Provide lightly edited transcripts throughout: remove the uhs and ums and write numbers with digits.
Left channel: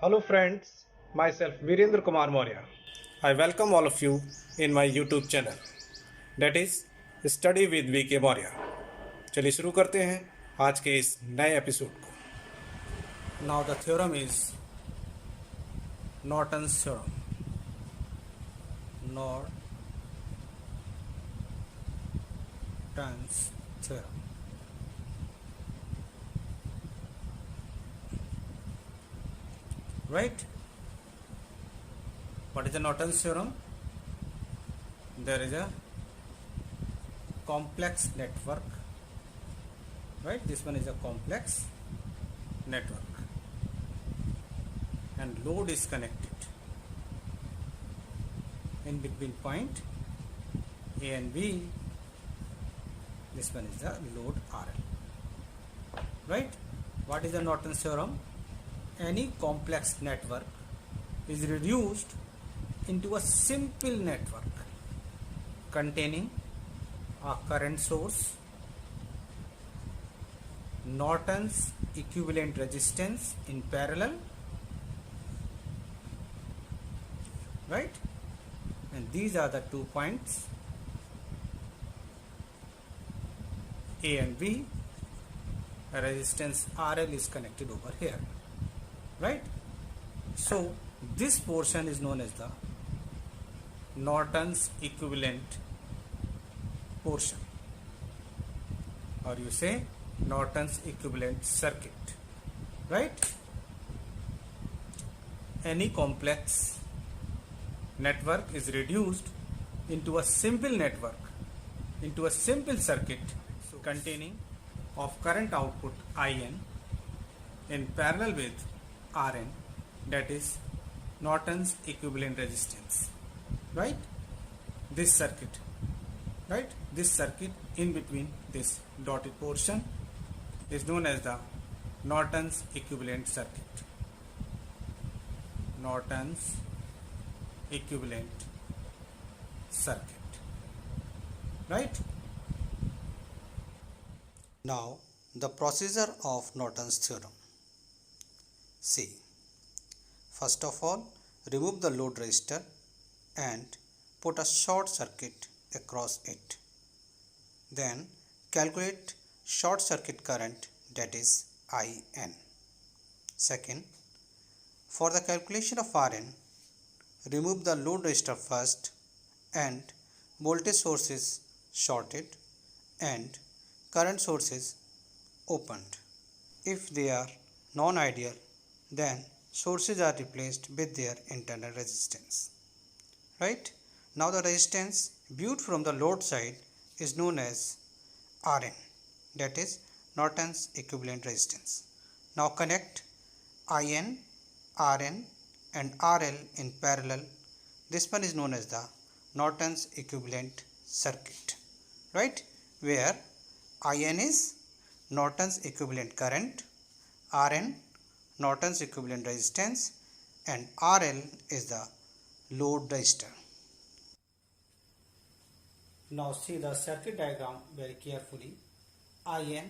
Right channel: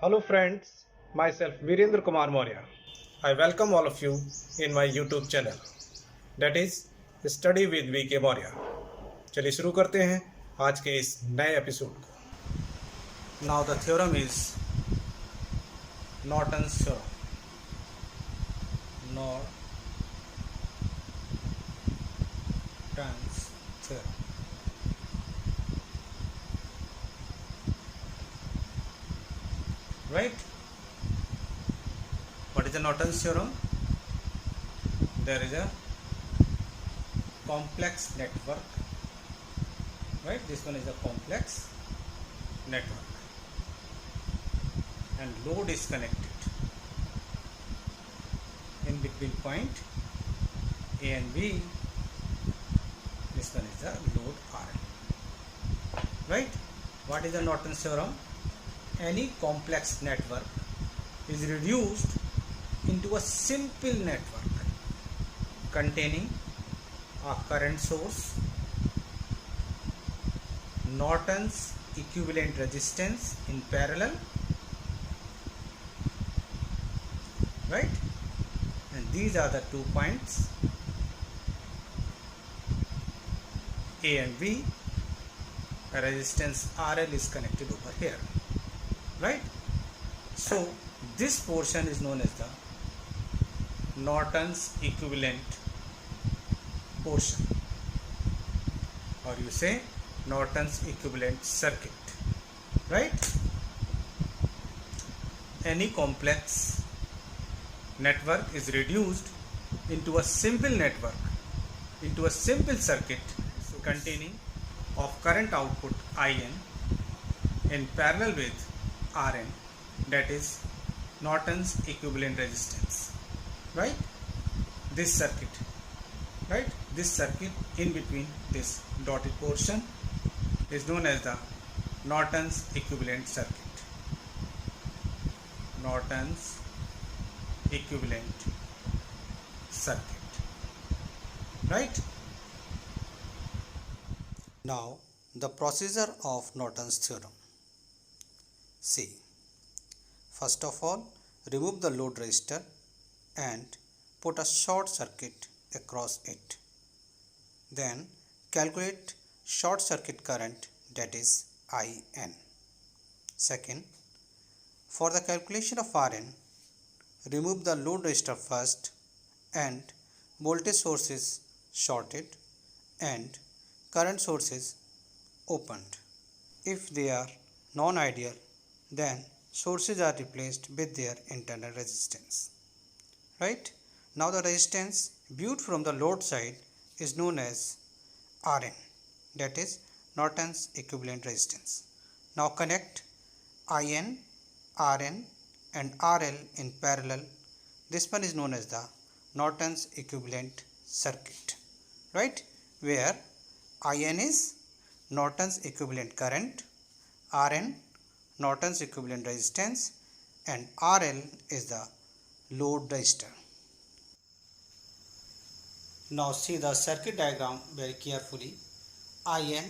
Hello friends, myself Virendra Kumar Maurya. I welcome all of you in my YouTube channel that is Study with VK Maurya. चलिए शुरू करते हैं आज के इस नए एपिसोड को. Now the theorem is Norton's theorem. Norton's theorem. Right? What is the Norton's theorem? There is a complex network. Right? This one is a complex network. And load is connected in between point A and B. This one is the load RL. Right? What is the Norton's theorem? Any complex network is reduced into a simple network containing a current source, Norton's equivalent resistance in parallel, right? And these are the 2 points A and B. A resistance RL is connected over here, right? So this portion is known as the Norton's equivalent portion, or you say Norton's equivalent circuit, right? Any complex network is reduced into a simple network, into a simple circuit containing of current output IN in parallel with RN, that is Norton's equivalent resistance, right? This circuit, right? This circuit in between this dotted portion is known as the Norton's equivalent circuit. Norton's equivalent circuit, right? Now the procedure of Norton's theorem. See, first of all, remove the load resistor and put a short circuit across it. Then calculate short circuit current, that is IN. Second, for the calculation of RN, remove the load resistor first and voltage source is shorted and current source is opened. If they are non-ideal, then sources are replaced with their internal resistance, right? Now the resistance viewed from the load side is known as RN, that is Norton's equivalent resistance. Now connect IN, RN and RL in parallel. This one is known as the Norton's equivalent circuit, right? Where IN is Norton's equivalent current, RN Norton's equivalent resistance and RL is the load resistor. Now see the circuit diagram very carefully. IN,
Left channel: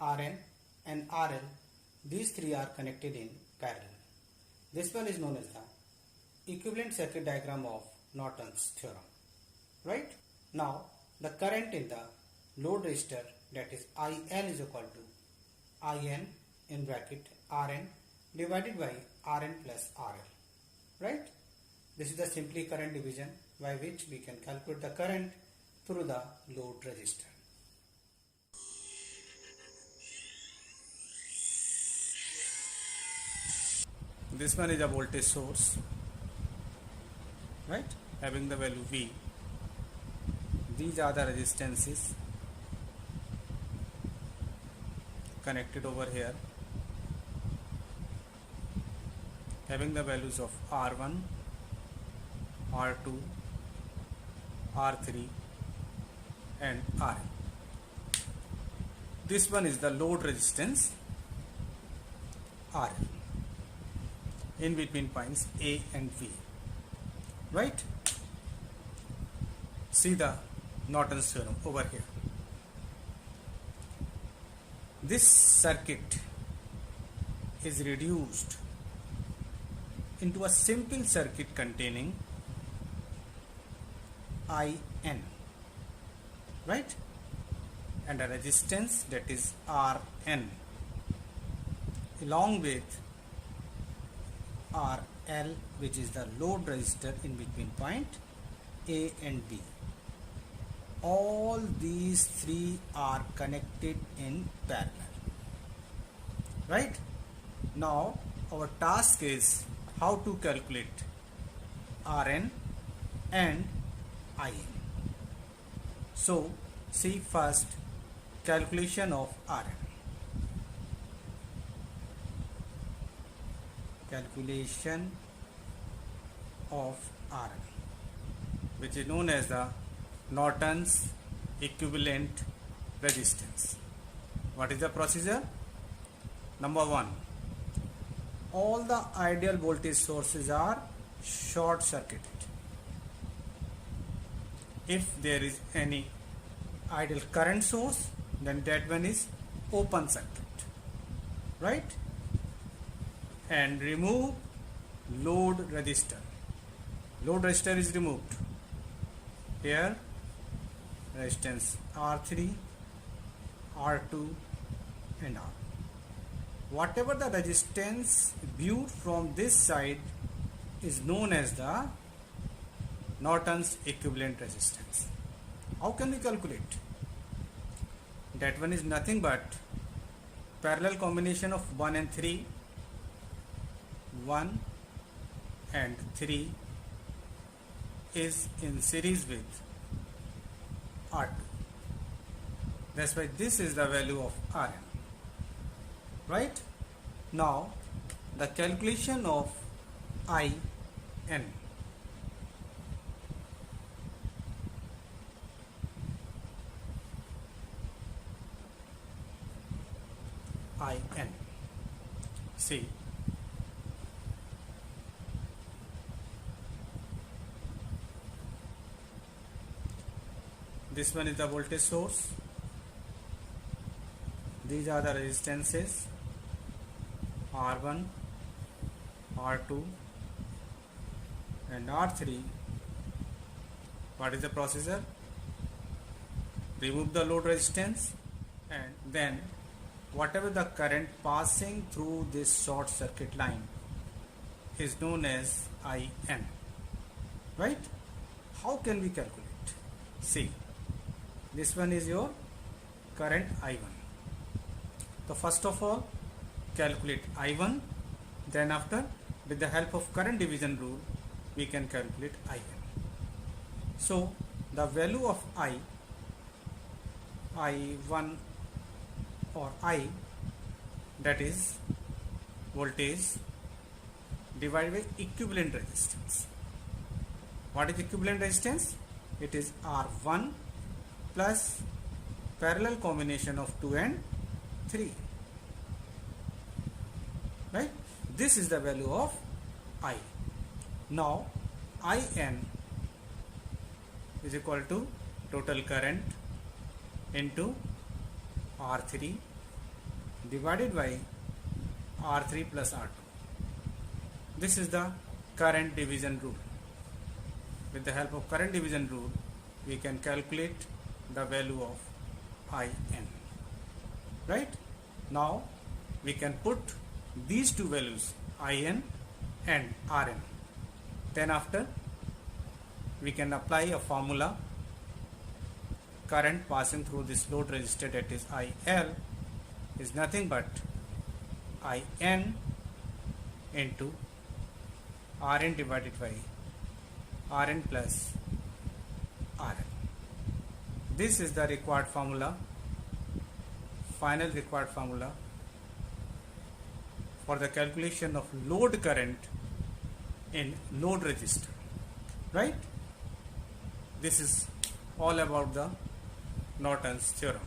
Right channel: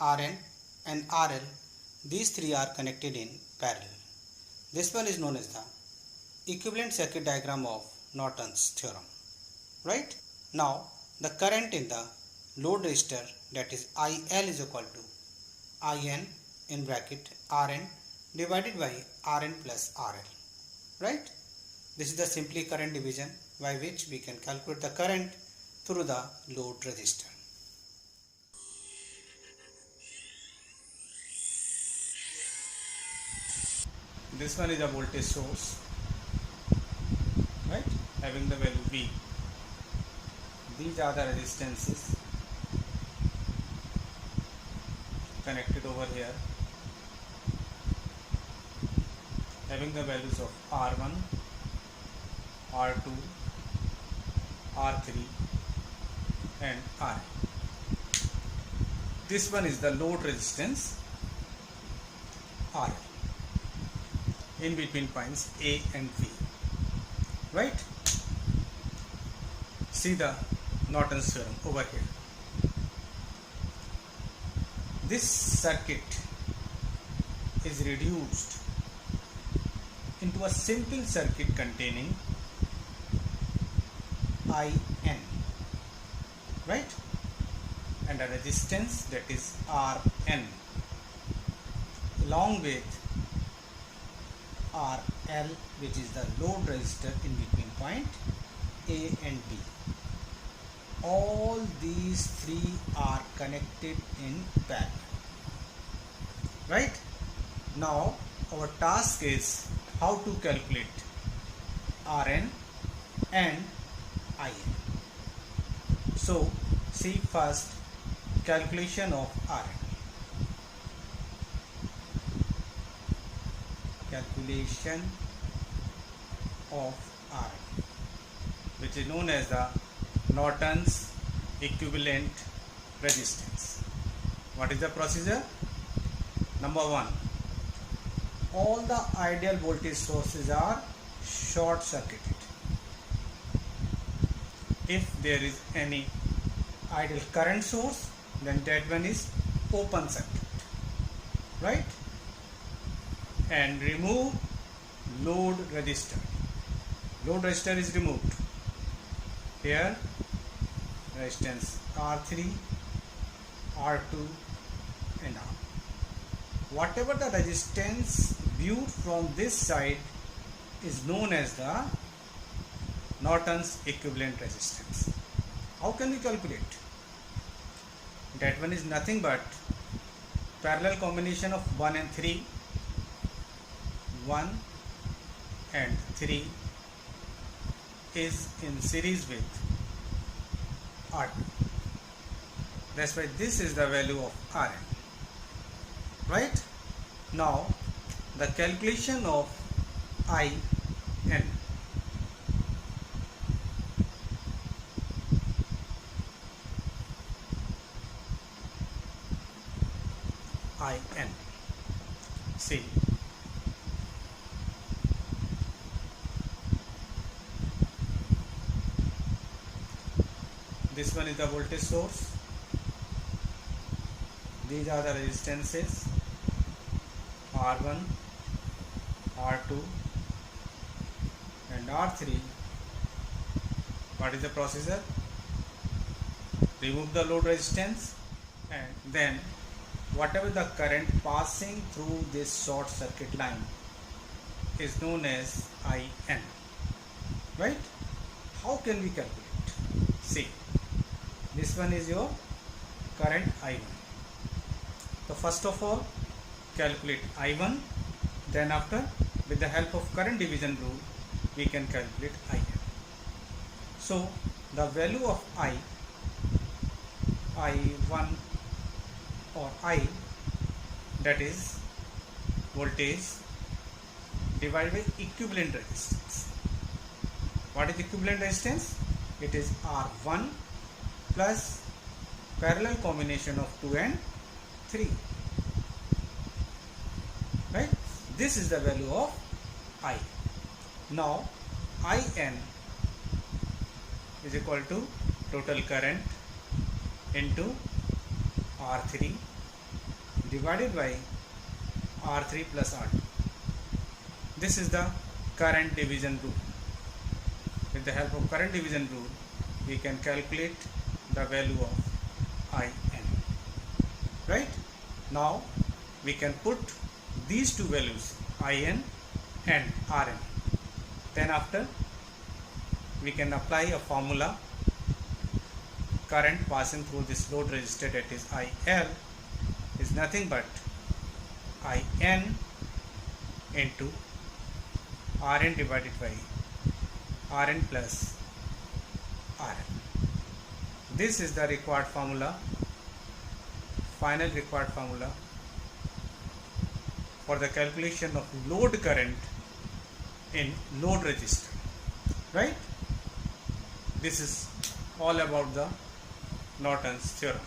RN and RL, these three are connected in parallel. This one is known as the equivalent circuit diagram of Norton's theorem, right? Now the current in the load resistor, that is IL, is equal to IN in bracket RN divided by RN plus RL, right? This is the simply current division by which we can calculate the current through the load resistor. This one is a voltage source, right, having the value V. These are the resistances connected over here, having the values of R1, R2, R3 and R. This one is the load resistance R in between points A and V, right? See the Norton's theorem over here. This circuit is reduced into a simple circuit containing IN, right, and a resistance that is RN along with RL, which is the load resistor in between point A and B. All these three are connected in parallel, right? Now our task is how to calculate Rn and In. So see first calculation of Rn. Calculation of Rn, which is known as the Norton's equivalent resistance. What is the procedure? Number one, all the ideal voltage sources are short circuited. If there is any ideal current source, then that one is open circuit, right? And remove load resistor. Load resistor is removed. Here resistance R3, R2 and R. Whatever the resistance viewed from this side is known as the Norton's equivalent resistance. How can we calculate? That one is nothing but parallel combination of 1 and 3. 1 and 3 is in series with R2. That's why this is the value of Rn. Right? Now the calculation of In. In. See, this one is the voltage source. These are the resistances R1, R2 and R3. What is the procedure? Remove the load resistance and then whatever the current passing through this short circuit line is known as In, right? How can we calculate? See, this one is your current I1. So first of all calculate I1, then after with the help of current division rule we can calculate In. So the value of I1 or I, that is voltage divided by equivalent resistance. What is equivalent resistance? It is R1 plus parallel combination of 2 and 3, right? This is the value of I. Now In is equal to total current into R3 divided by R3 plus R2. This is the current division rule. With the help of current division rule we can calculate the value of In, right? Now we can put these two values In and Rn. Then after we can apply a formula. Current passing through this load resistor, that is IL, is nothing but In into Rn divided by Rn plus Rn. This is the required formula, final required formula for the calculation of load current in load resistor, right? This is all about the Norton's theorem.